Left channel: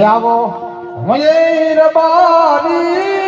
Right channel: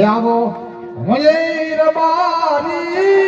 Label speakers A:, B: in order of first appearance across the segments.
A: આવો મયે બારી.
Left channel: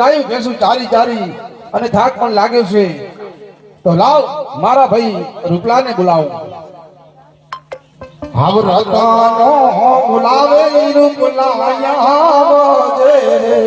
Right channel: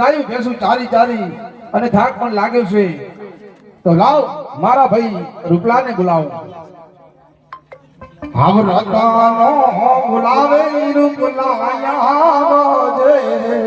A: ગાયું ભેંસું ચારી ચારી અને થાક પણ લાગે છે. તો લાવ, મારા ભાઈ રૂપલાને બોલાવો. હાવ રતાનો બોલાવે રૂપલાયા આવજે રે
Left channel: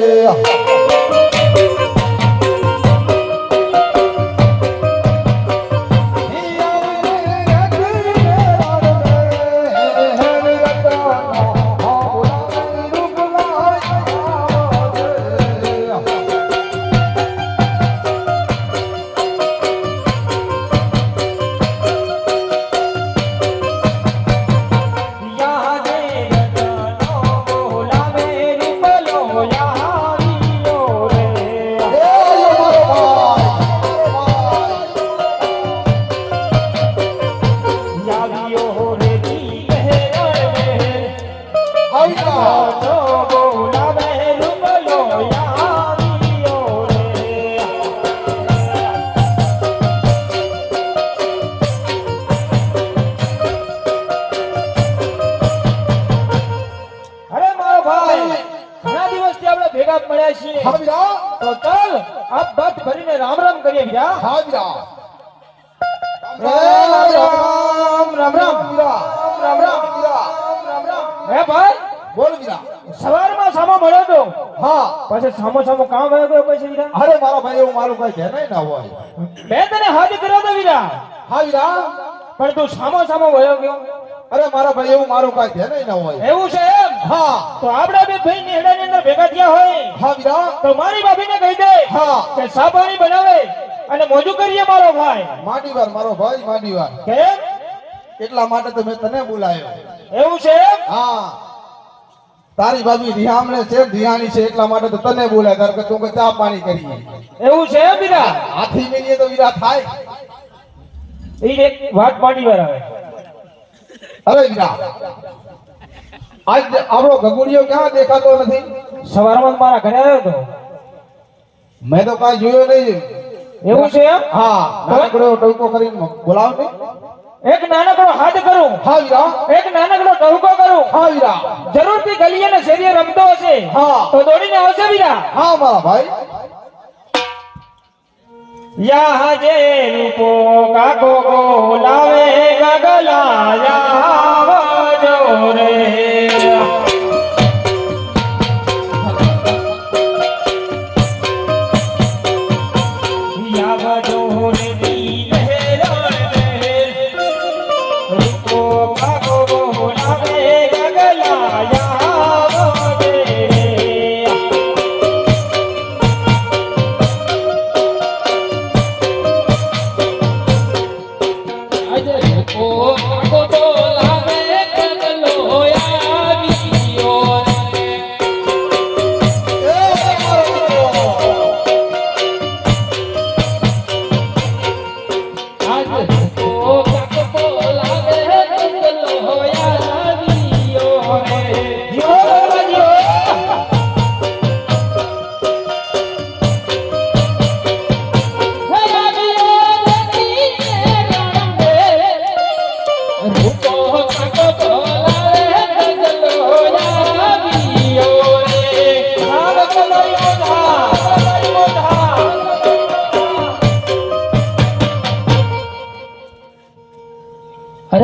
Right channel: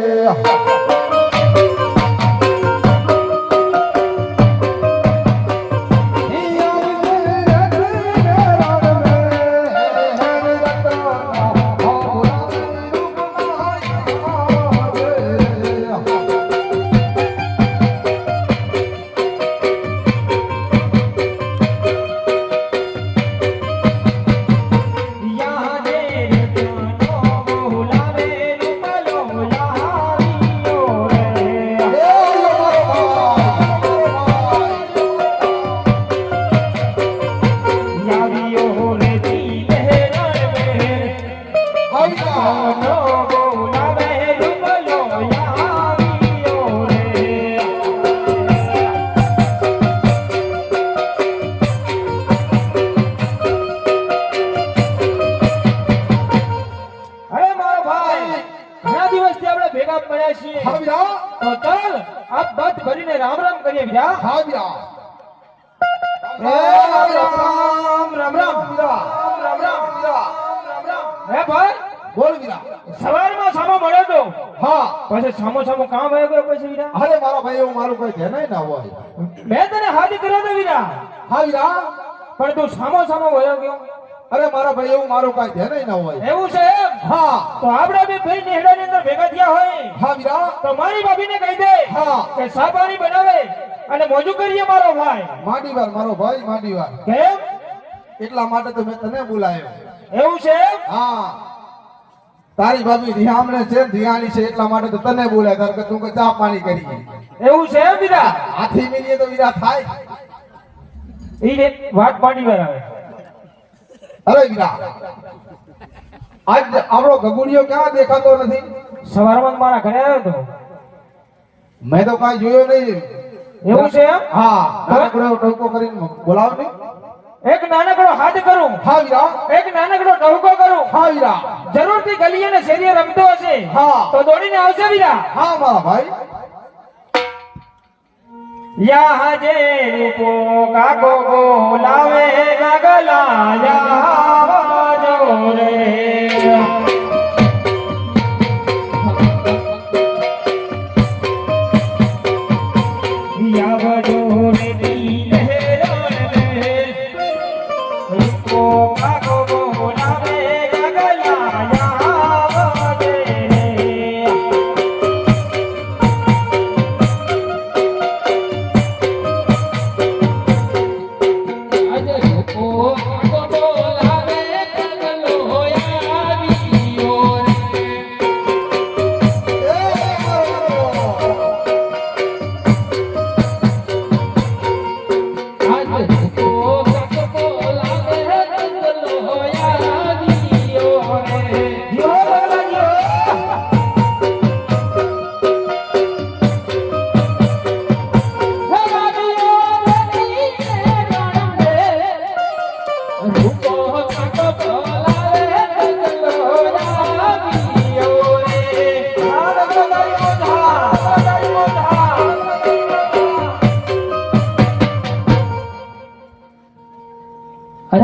B: રામ
A: હે
B: ભાઈ
A: બોલ વીરા
B: સવારમાં સામો મળ્યો તો?
A: હા.
B: પછી સામો સામો કામ આવી ગયો પછી વીરા?
A: અરે મારા ભાઈ એવું મારું કઈ ધ્યાન ના હોય.
B: મેં તને હાથ કર્યો તો વીરા?
A: હા વીરા.
B: પણ તું સામો સામો વયો ગયો.
A: અરે મારા ભાઈ એવું મારું કઈ ધ્યાન ના હોય.
B: એવું છે એમ?
A: હા.
B: તો આપણે બી ભાઈ નેહડાની અંદર ભેગા થયા હોય.
A: હા વીરા.
B: તો મારી ભાભીને કહી દે
A: હા.
B: કે સાબાની બનાવે અને મોજું કરીએ મારો ભાઈ.
A: માંડી વાર મારો ભાઈ માંડી વાર
B: કેમ?
A: એટલા માટે તો મેં તને બોલાયો.
B: એવું છે
A: હા. તારી ભાભી રિહામણે છે રિહાની છે એટલા માટે તો તને બોલાય તાર કે તું કે ચા પાણી કરીએ
B: એવું છે બીરા
A: હાથી મીનીએ તો વીરા થાય.
B: એ એક વાત પાણી વાર આવે
A: અરે વીરા આજ આપણો ગગુડિયો ક્યાં દેખાતો નથી?
B: સવારમાં મારા ઘરે આવ્યો હતો
A: મેં તો કાંઈ જોયો નહીં.
B: એવું છે
A: હા નાનકડો ટોકો કરીને બોલાવ ને
B: એક નાનકડો હાથ કરું.
A: હા વીરા
B: એક નાનકડો ટહુકો કરું.
A: હા વીરા
B: જરૂરથી ગલી અને શેરીએ રમતો હશે.
A: હા.
B: તો દોડીને આવશે વીરા
A: હા મારા ભાઈ.
B: યા જે પો કાકો બોલાવે ગગલા યા જો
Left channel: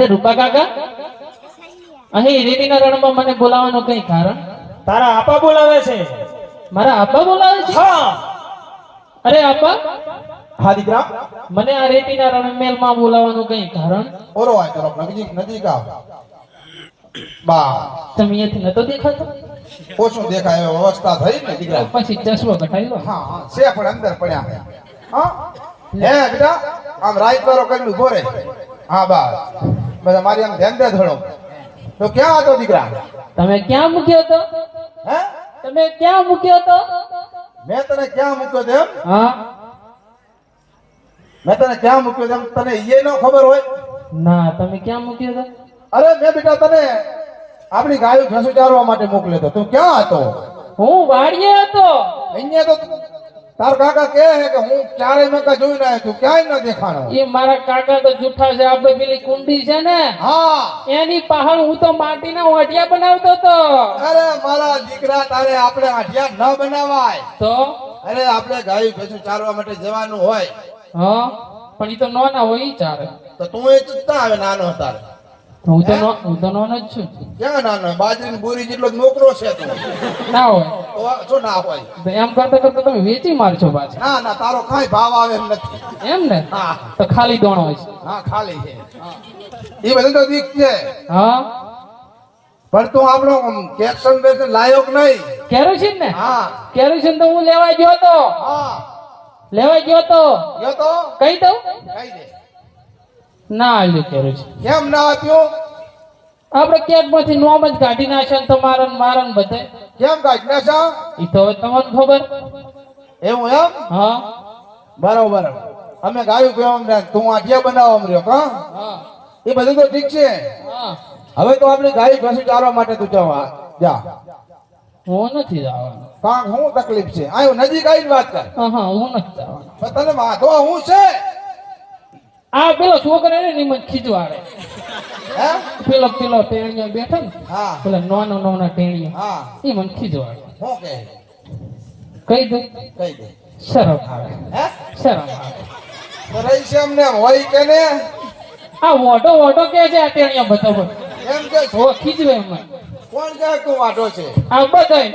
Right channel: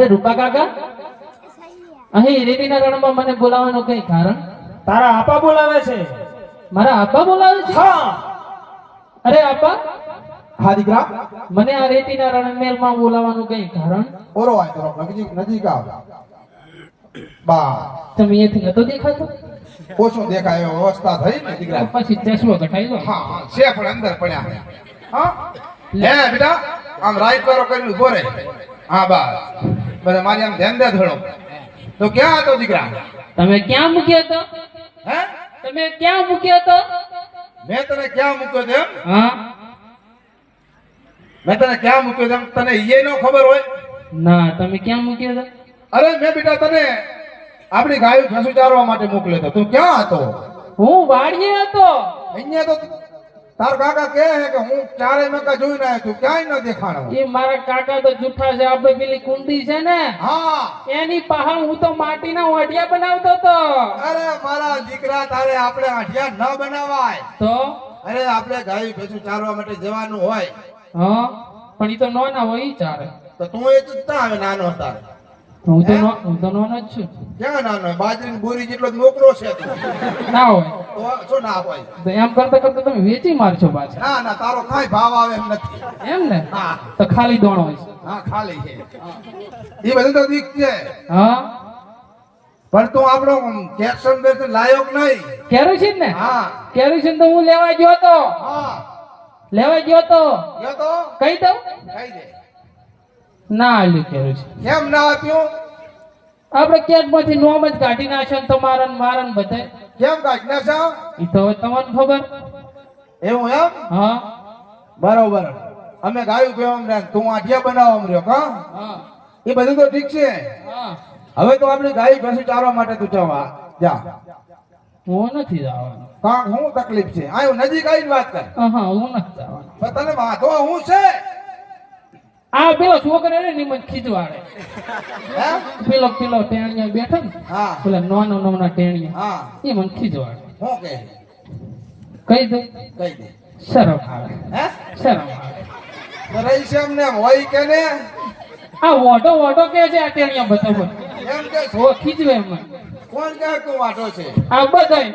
C: અરે રૂપા કાકા? અહીં રેતીના રણમાં મને બોલાવવાનું કઈ કારણ?
B: તારા આપા બોલાવે છે.
C: મારા આપા બોલાવે છે?
B: હા.
C: અરે આપા
A: હા દીકરા.
C: મને આ રેતીના રણમેલમાં બોલાવવાનું કઈ કારણ?
A: ઓરો આય તારો નજીક નજીક આવ. બા.
C: તમે અહીંથી નતો દેખાતો?
A: ઓછું દેખાય અવસ્થા થઈ ને દીકરા.
C: પછી ચશ્મો ઘટાઈ લો
A: હા હા છે પણ અંદર પડ્યા હા. હે બેટા આમ રાઈટ વાળો કર્યું ઊભો રહે હા બા. બધા મારી આમ ધ્યાન દે થોડો. તો ક્યાં હતો દીકરા?
C: તમે ક્યાં મૂક્યો હતો?
A: હે?
C: તમે ક્યાં મૂક્યો હતો?
A: મેં તને ક્યાં મૂક્યો તેમ
C: હા.
A: મેં તને ક્યાં મૂક્યો તેમ તને એ નો ખબર હોય?
C: ના તમે ક્યાં મૂક્યો હતો?
A: અરે મેં બેટા તને આપણી ગાયો ભેંસુ ચારવા માટે મોકલ્યો હતો. તું ક્યાં હતો?
C: હું વાડીએ હતો.
A: અહીંયા તો તાર કાકા કે હે કે હું ચારે મકા જોઈ ના તું ક્યાંય ન દેખાણો.
C: એ મારા કાકા તો જૂઠા છે આપણે પેલી કુંડી છે ને
A: હા.
C: એની પહાડ હું તો માટીના ઓઢિયા બનાવતો તો
A: અરે મારા દીકરા તારે આપણે આઢિયા ન બનાવાય.
C: તો?
A: અરે આપણે ગાય ભેંસુ ચારવા માટે જવાનું હોય.
C: હા પણ એ તો નાના હોય ઈ ચાલે
A: તો તું એ ચૂકતા આવે નાનો હતા
C: હું તો હું તો નાનો જ છું.
A: ક્યાં નાનો? બાજરીની બોરી જેટલો નોકરો છે તું.
C: ના હોય.
A: તો ના હોય.
C: તો એમ કરતા કરતા તમે વેચી મારશો પાછા.
A: ના ના તારો કાંઈ ભાવ આવે એમ નથી.
C: એમ ને?
A: હા.
C: તો ખાલી દોણો છે.
A: હા ખાલી છે. એ બધું તો દીક છે.
C: હા?
A: પણ તું આપણો કેપ્શન બેસન લાયક નહીં.
C: કેરોસીન ને?
A: હા.
C: કેરોસીન તો હું લેવા ગયો હતો
A: હા.
C: લેવા ગયો હતો
A: ગયો તો?
C: કહી દઉં.
A: કહી દે.
C: ના આવ્યું છે.
A: કેમ ના આપ્યું?
C: આપણે કેટમાંથી નોમ જ કાઢી ના ને તમારા ને મારા ને બધે.
A: કેમ કાઢી ના જાવ
C: એ તો હવે તમને ખબર.
A: એવું એમ?
C: હા.
A: બરોબર. અમે ગાયું પીવા રહ્યા તું આઠિયા બનાવવા રહ્યો કા
C: હા?
A: એ બધું તો ઠીક છે.
C: હા.
A: હવે તો આપણે ગાય ઘસી ચારવા માટે તું જવા જા.
C: હું નથી જવાનું.
A: કા શું તકલીફ છે. આ નજીક આવીને વાત કર.
C: હા હા હું નથી જવાનું.
A: તને વાંધો હું છે?
C: આ પેલો છોકરો ને ની મને ખીજવાડે
A: હે?
C: પેલો પેલો ટેણિયા બેઠો ને
A: હા.
C: પેલા નાના નોના ટેણિયા
A: હા.
C: એ મને ખીજવાડે
A: શું કહે
C: કહી દઉં
A: કહી દે.
C: શરમ આવે.
A: હે?
C: શરમ આવે.
A: છે અમને હોય કે ને?
C: આ વોટો વોટો કે છે આ ટેણિયા બતાવો
A: એમ કે
C: ઓ ખીજવે એમ
A: કોણ કે તું વાટો છે?
C: આ બધાય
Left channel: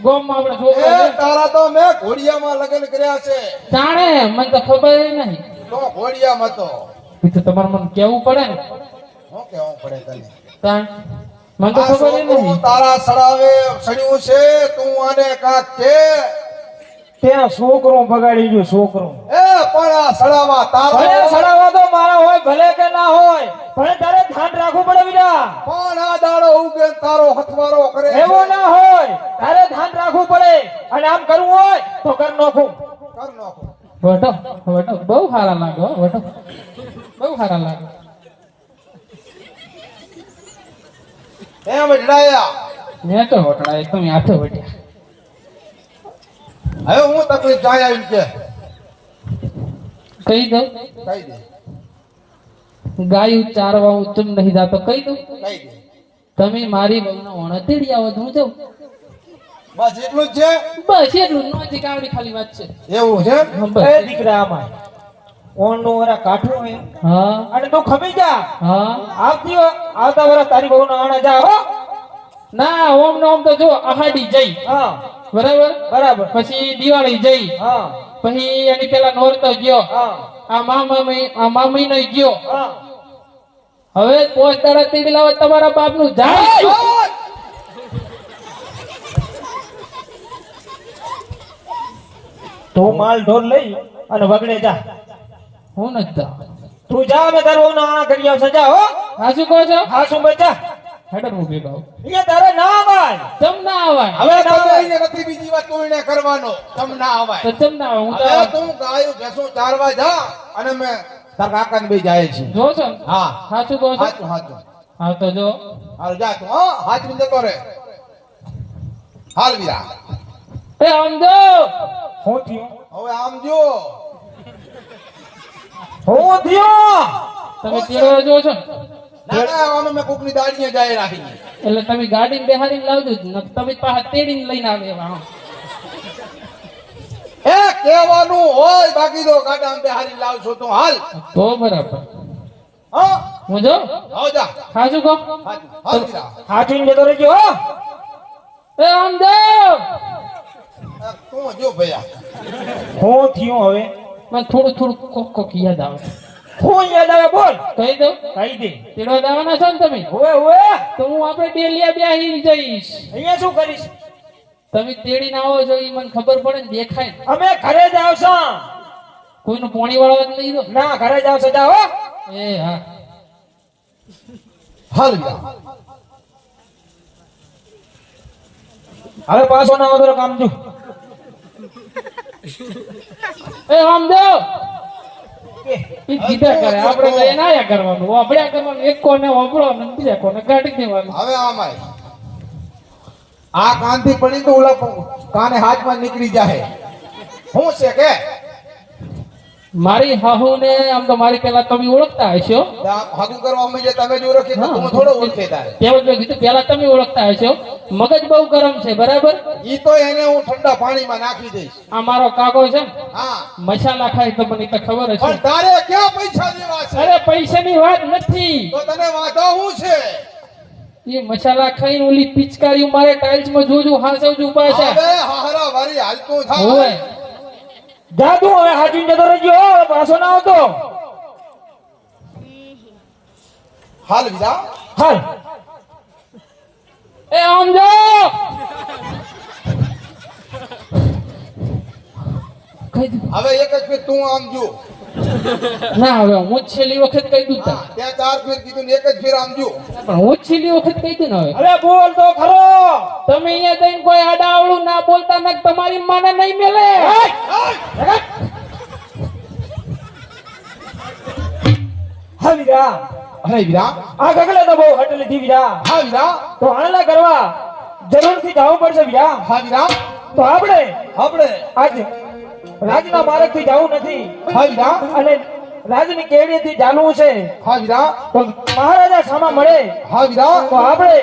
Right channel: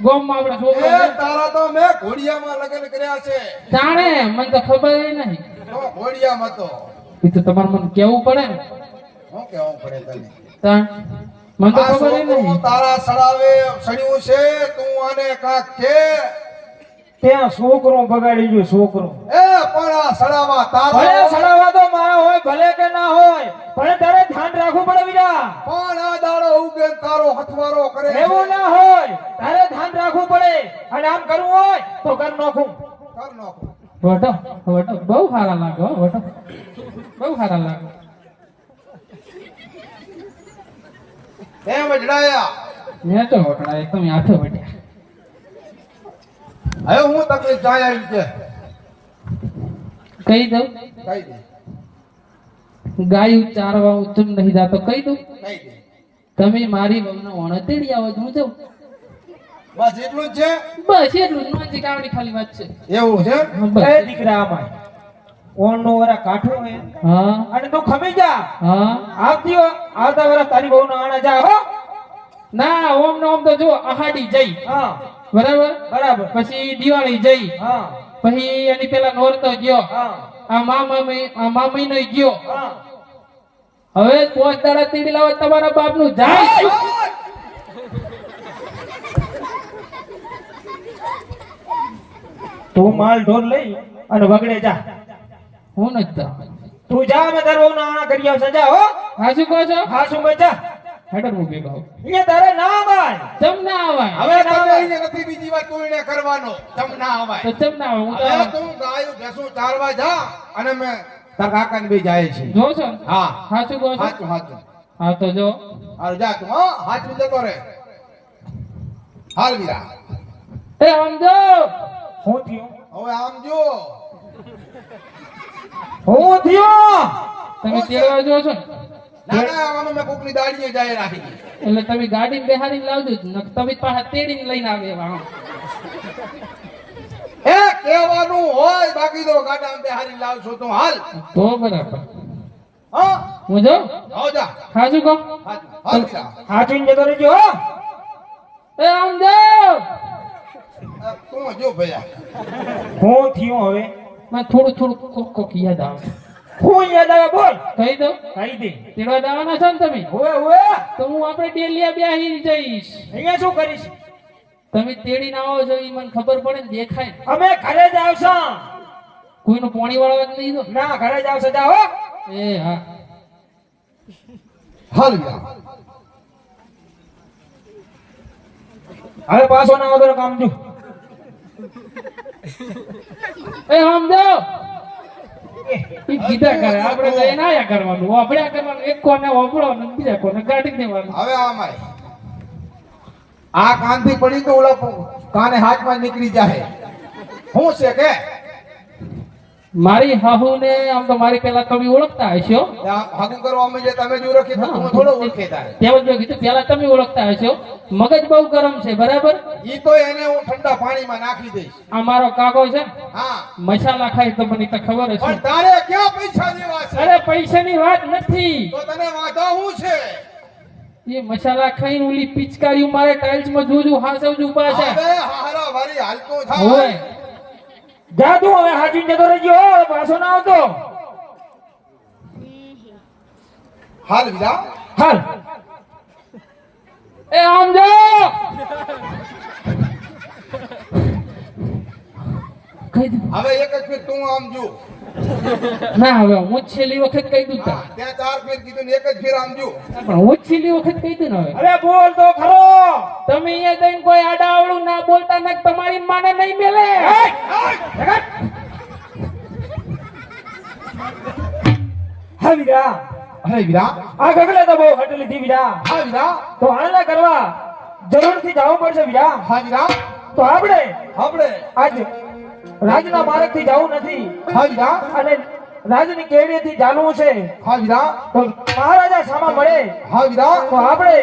C: ગોમમાં આપણે
A: એ તારા તો મેં ઘોડિયામાં લગ્ન કર્યા છે.
C: જાણે મને તો ખબર નહીં.
A: તો ઘોડિયામાં તો
C: એ તો તમારે મને કેવું પડે ને?
A: શું કેવું પડે તને?
C: તાણ મને તો ખબર ય
A: તારા સડાવે સડ્યું છે તું આને કાક કે.
B: તેના છોકરો બગાડી ગયો છોકરો.
A: એ પણ આ સડાવા
B: ભલે
A: તારા
B: સડાવા તો મારો હોય ભલે કે ના હોય પણ તારે ધ્યાન રાખવું પડે બીજા.
A: પણ આ દાડો ઉગે તારો હથવારો કરે
B: એવો ના હોય. તારે ધ્યાન રાખવું પડે. અને આમ કરવું હોય તો કર નાખું.
A: કર નાખો.
C: વટો વટો બહુ સારા લાગો વટો. બહુ સારા લાગો.
A: એ જડાયા
C: મેં તો વટડાય તમે આથો વટ્યા
A: હવે હું તમને જાય આવી કે
C: કહી દઉં.
A: કહી દે.
C: ગાયું ચારવા ઉત્તમ નહીં જાતો કહી દઉં.
A: કહી દે.
C: તમે મારી વહુના ઓણતેડી આવો હું જાઉં
A: બસ એટલું જ છે?
C: બસ એટલું નો જે કાવડી ખાલી વાત છે.
A: એવું છે?
B: એ દીકરા આમાં ઓનો વરા કાઠો હે.
C: હા.
B: અને તું ખમી જા.
C: હા.
B: આવતી આવતા વરા તારી બહુ ના આણે જા હો.
C: ના ઓમ ને ઓમ તો જો આહાડી જઈ.
B: હા.
C: બરાબર?
B: બરાબર.
C: પછી દિવાળી જઈ.
B: હા.
C: પછી એની પેલા નોરતો ગયો.
B: હા.
C: આ મામા આ મામી નો ગયો.
B: હા.
C: હવે પોસ્ટ દાડા તેડી લાવ તમારા બાપનું જાય
B: તું માલ ઢોર લઈ અને વગડે જા.
C: હું નથી
B: તું જા મે તારો ના આ કરી આવશે. જા હો.
C: હા શું કહો છો?
B: હા બચા
C: હેડર હું ભેગા
B: એ તારે ના આવાય
C: તમ ના આવાય
A: હવે તમે અહીંયા નથી બીજી વાત કોઈને કરવાનો? તમ ના
C: તો તમ ના આવાય હું તો
A: તું ગાયું ભેંસું ચારવા જા અને મેં તાર કાકાને બે જાય છે.
C: જો છો?
A: હા.
C: હા શું કહો છો?
A: હાચું હાચું.
C: હા તો જો.
A: હાલ જા તું હા. હાથ જતો રે હાલ વિરા.
C: એ આમ જો
B: હું થયો?
A: હવે આમ જો
B: હું થયો?
C: તમે તેડવા જો છો ને?
A: ના ના આમ
C: એટલે તમે ગાડી લાવજો તમે પાછા તેડીને લઈને આવે
A: એ કહેવાનું હોય બાકી તો ગાડામાં બેહારી લાવશો તું હાલ.
C: તો બરાબર.
A: હા?
C: હું જો.
A: આવો જા.
C: કો
A: વીરા
B: હાચવીને રહેજો હો.
C: એ રામદેવ
A: આ તું જો ભૈયા?
B: હું થયું હવે?
C: મને થોડું થોડું કોક કોક યાદ આવે.
B: હું યાદ આવે બોલ?
C: કહી દઉં?
B: કહી દે.
C: તેડવા દાવાના છો ને તમે?
B: હવે હવે.
C: તો હું આપણે ડેલિયા બ્યાહી જઈશ.
B: અહીંયા શું કરીશ?
C: તમે તેડીને આવો છો એ મને ખબર પડે ને દેખાય
B: અમે ઘરે જ આવશો.
C: કોઈનું પોણી વાળવા જ નહીં દો
B: ના ઘરે જ આવશો જાઓ હો.
C: એ હા.
A: હાલ
B: હવે પાછો ના આવે કામ જો.
C: એ રામદેવ! ઈ કીધા કરે આપણે કઈ ના કરવાનું એક કોને ઓભળવાનું બીજા કોને કાઢી દેવાનું.
A: હવે આમાય આ કાનથી પડી તો ઓલા કાને હાથમાં નીકળી જાય. હું છે કે?
C: મારી હાહુ ને આમ તો મારી પેલા તમે ઓળખતા હશો.
A: ત્યાં કરવામાં જે તમે જો રાખી તો હું. થોડો ઓળખે થાય.
C: તેવું મેં કીધું પેલા તમે ઓળખતા હશો. મગજ બહુ ગરમ છે બરાબર?
A: ઈ તો એને હું ઠંડા પાણીમાં નાખી દઈશ.
C: આ મારો કાકો છે ને,
A: હા.
C: મસાલા ખાય તો મને તો ખબર હશે.
A: પણ તારે કેવા પૈસા લેવા છે?
C: અરે પૈસાની વાત નથી.
A: તો તને વાંધો હું છે?
C: એ મસાલા ખાઈને ઓલી પિચકારી મારે ટાઇલ્સમાં જોજો હાસવજો પાછા
A: હવે હારા વારી હાલતું થાય
B: જા તું હવે હાજી જતો રહેજો પાછો ના આવતો.
A: હાલ વિદા.
B: હાલ.
C: એ આમ જો.
A: હવે એક જ તું આમ જો.
C: ના હવે હું છેલ્લી વખત કહી દઉં તા.
A: ત્યાં ચાર ફેર કીધું એક જ ફેર આમજો
C: પણ હું છેલ્લી વખત કહી દઉં ને હવે.
B: અરે બોલ તો ખરો.
C: તમે અહીંયા જઈને કોઈ આડાવળું ના બોલતા ને તમારી મને નહીં મેલે.
B: હા વીરા.
A: અરે વીરા.
B: આ ગગડા તો બહુ હટલી લીધી વીરા.
A: હા વીરા.
B: તો આને કરવા જરૂરથી જવું પડશે વીરા.
A: હા વીરા.
B: તો આપણે
A: આપણે.
B: આજ રાજના માર્ગથી જવું નથી.
A: હાજરા
B: અને રાજની કેડીથી ચાલવું છે.
A: હાજરા
B: તો મહારાજા સામા મળે.
A: હાજરા
B: તો આપણે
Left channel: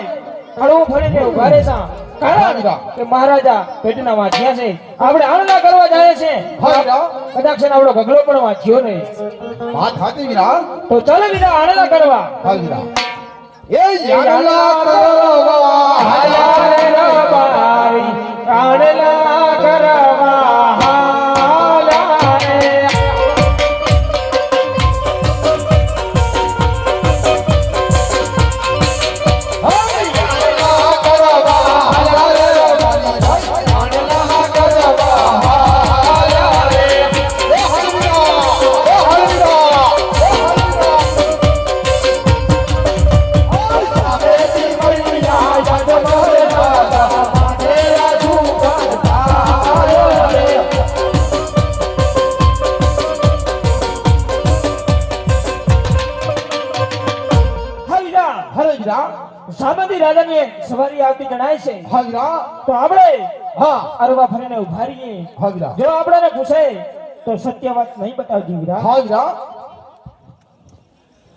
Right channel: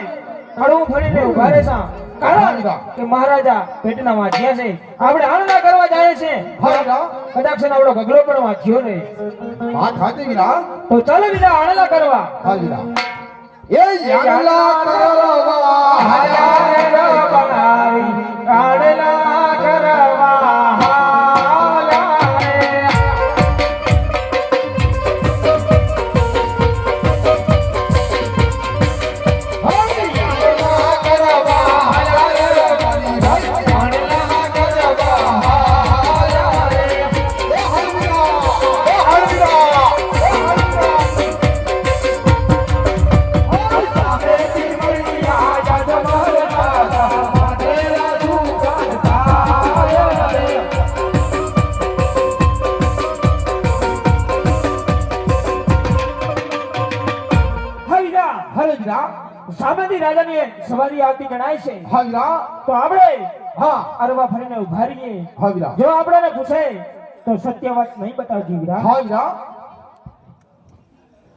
B: કડવું ફરીને ઊભા રહેશા. કારણ કે મહારાજા પેટના વાંચ્યા છે. આપણે આળના કરવા જાય છે. કદાચ આપણો ગગડો પણ વાંચ્યો નહીં.
A: વાત હાથી વિરા
B: તો ચાલો બીજા આળના કરવા.
A: હા વિરા એ યારલા કરવા
B: સવારી છે.
A: હા વિરા
B: તો આપણે
A: હા.
B: અરવા ફરીને ઊભા રહીએ.
A: હા વિરા
B: જો આપણે પૂછે તો સત્ય વાત નહીં બતાવજી વીરા.
A: હા વિરા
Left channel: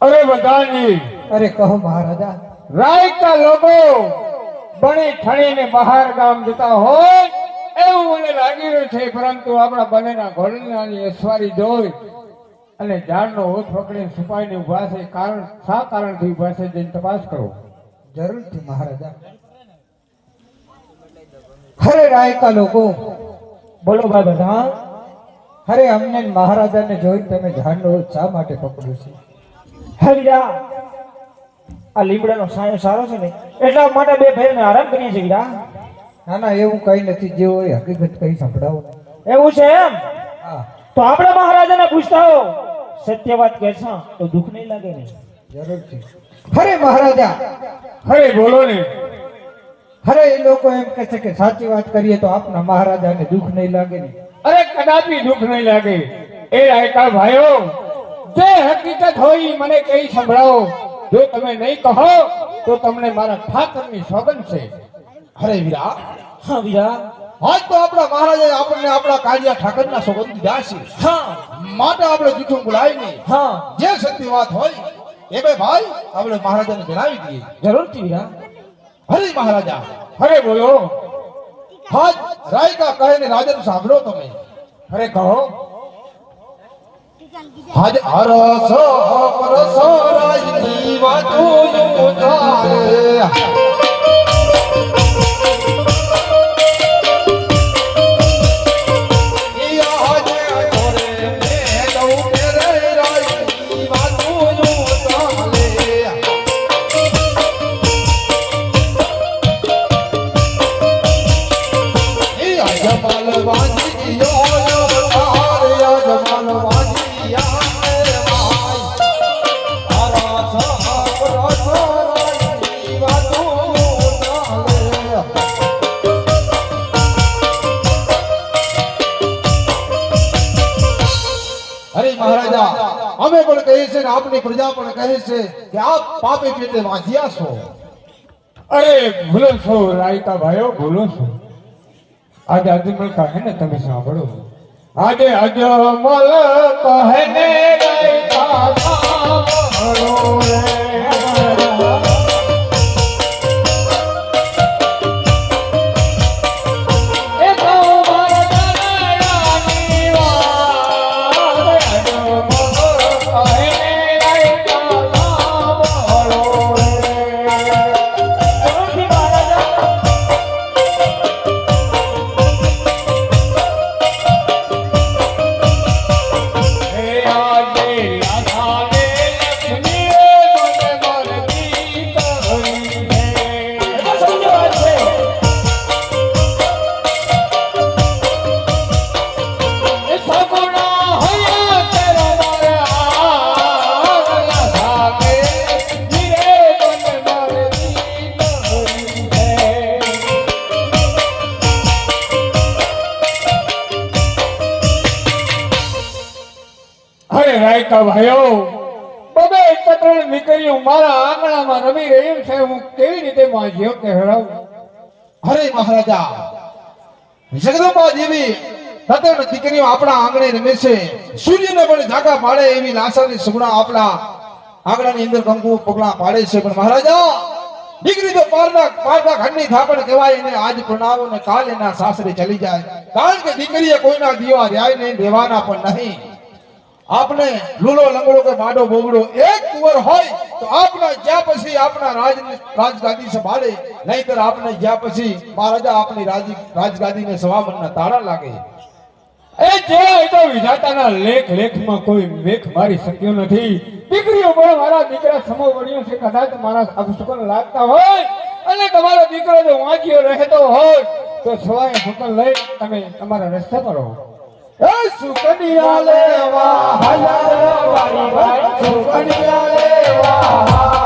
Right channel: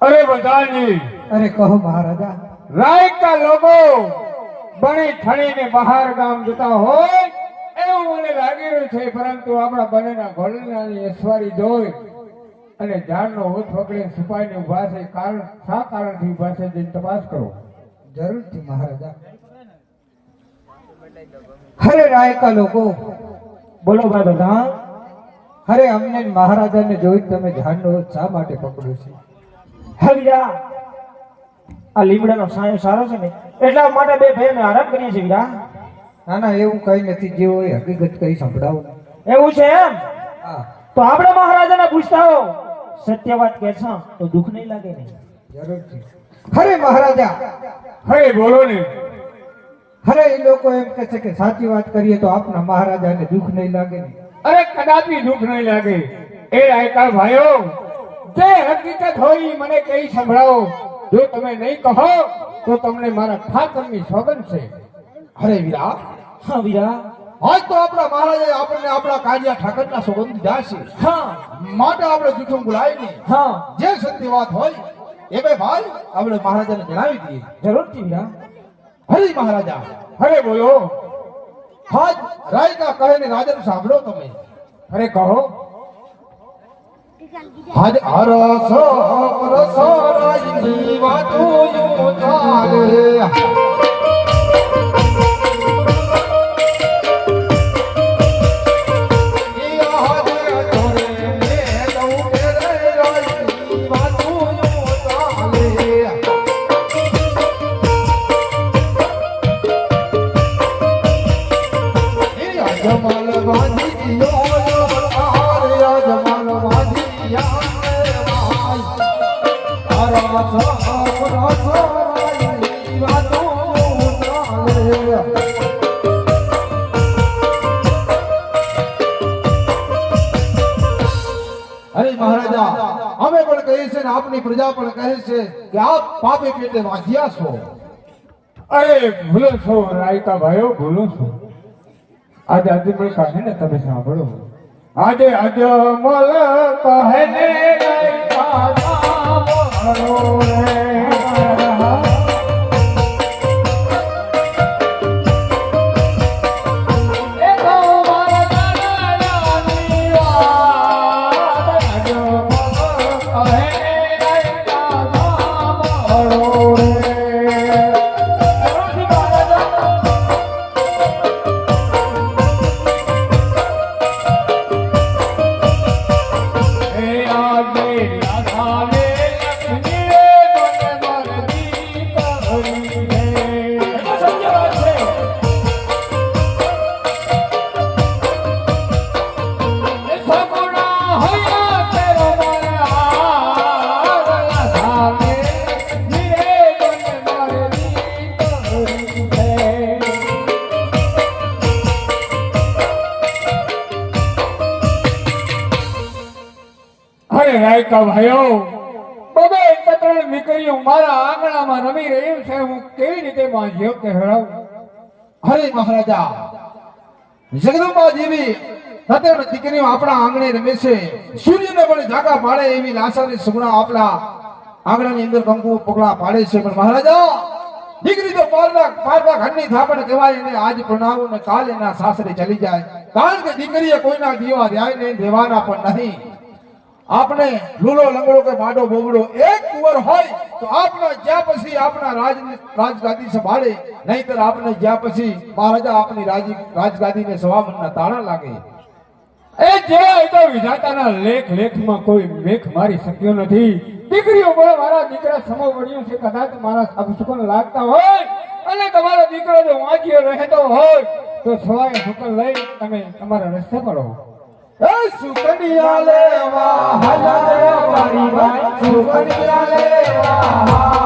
D: અરે બધાની.
B: અરે કહો મહારાજા.
D: રાયકા લોકો બની ઠણીને બહાર ગામ જતા હોય એવું મને લાગી રહ્યું છે પરંતુ આપણા બંનેના ઘોડનાની અસવારી જોઈ અને ઝાડનો ઓઠ પકડીને છુપાઈને ઊભા છે. કારણ શા કારણથી ઊભા છે જેની તપાસ કરો.
B: જરૂરથી મહારાજા. હરે રાયકા લોકો? બોલો બાબા બધા હરે અમને મહારાજાને જોઈ તમે ઝાડનો શા માટે પકડ્યો છે? હરિયા આ લીમડાનો સાયો સારો છે ને એટલા માટે બે ભાઈને આરામ કરીએ છીએ વીરા
E: ના ના એવું કઈ નથી. જે હોય હકીકત કરી સંભળાવો.
B: એવું છે એમ? તો આપણે મહારાજાને પૂછતા હો સત્ય વાત કહેશો તો દુઃખ નહીં લાગે ને?
E: જરૂરથી હરે મહારાજા.
D: હરે બોલો ને.
E: હરે એ લોકો એમ કે છે કે સાચી વાત કરીએ તો આપના મહારાજાને દુઃખ નહીં લાગે ને?
D: અરે કદાપી દુઃખ નહીં લાગે. એ રાયકા ભાઈઓ જે હકીકત હોય મને કઈ સંભળાવો. જો તમે નહીં કહો તો તમને મારા ઠાકરની સોગન છે.
A: અરે વીરા.
B: હા વીરા.
A: આજ તો આપણા મહારાજે આપણને આપણા કાળિયા ઠાકરના સોગંદ દીધા છે.
B: હા.
A: માટે આપણે જૂઠું બોલાય નહીં.
B: હા.
A: જે સત્ય વાત હોય એ બે ભાઈ આપણે મહારાજાને જણાવી દઈએ.
B: જરૂરથી વીરા.
A: હરી મહારાજા
D: હરે બોલો.
A: હાજ રાયકા કહે ને રાજન સાંભળો તમે.
D: હરે કહો.
A: હાજ હરો સો પરસો રાજની વાતું યુ પ્રજા પણ કહે છે કે આપ પાપે પેટે વાંધ્યા છો.
D: અરે, ભૂલો છો રાયકા ભાઈઓ, ભૂલો છો. આજે આજે મને કહે ને, તમે સાંભળો. આજે આજે મલ કહે ને રાયકા સાંભળો
A: મહારાજા જગદંબા દેવી દીકરીઓ આપણા આંગણે રમે છે. સૂર્યને પણ જાગા પાડે એવી લાસાની સુગણા આપણા આંગણાની અંદર કંકુ પગલા પાડે છે. પણ મહારાજા, દીકરી તો પારના પારના ઘરની થાપણ કહેવાય એને આજ પ્રણાવો ને કાલ એના સાસરે ચલી જાય. કારણ કે દીકરીએ કોઈના દીવા રહ્યા નહીં દેવાના પણ નહીં. આપણે લૂલો લંગડો કે બાડો બોગડો એક કુંવર હોય તો આપણે જ્યાં પછી આપણા રાજ રાજગાદી સંભાળે, નહીતર આપણે જ્યાં પછી મહારાજા આપણી રાજી રાજગાદીને સવામનના તાળા લાગે.
D: એ જેવા એટલે વિધાતાના લેખ લેખમાં કોઈ મેખ મારી શક્યો નથી. દીકરીઓ પણ મારા દીકરા સમો વળ્યો છે, કદાચ મારા અપશુકન લાગતા હોય અને તમારો દીકરો જો વાંચ્યો રહેતો હોય, તો સ્વાય શુકન લઈ તમે તમારા રસ્તા પર રહો
A: સુકડિયા લેવા હલાયા વારી વારી સુકડિયા લેવા.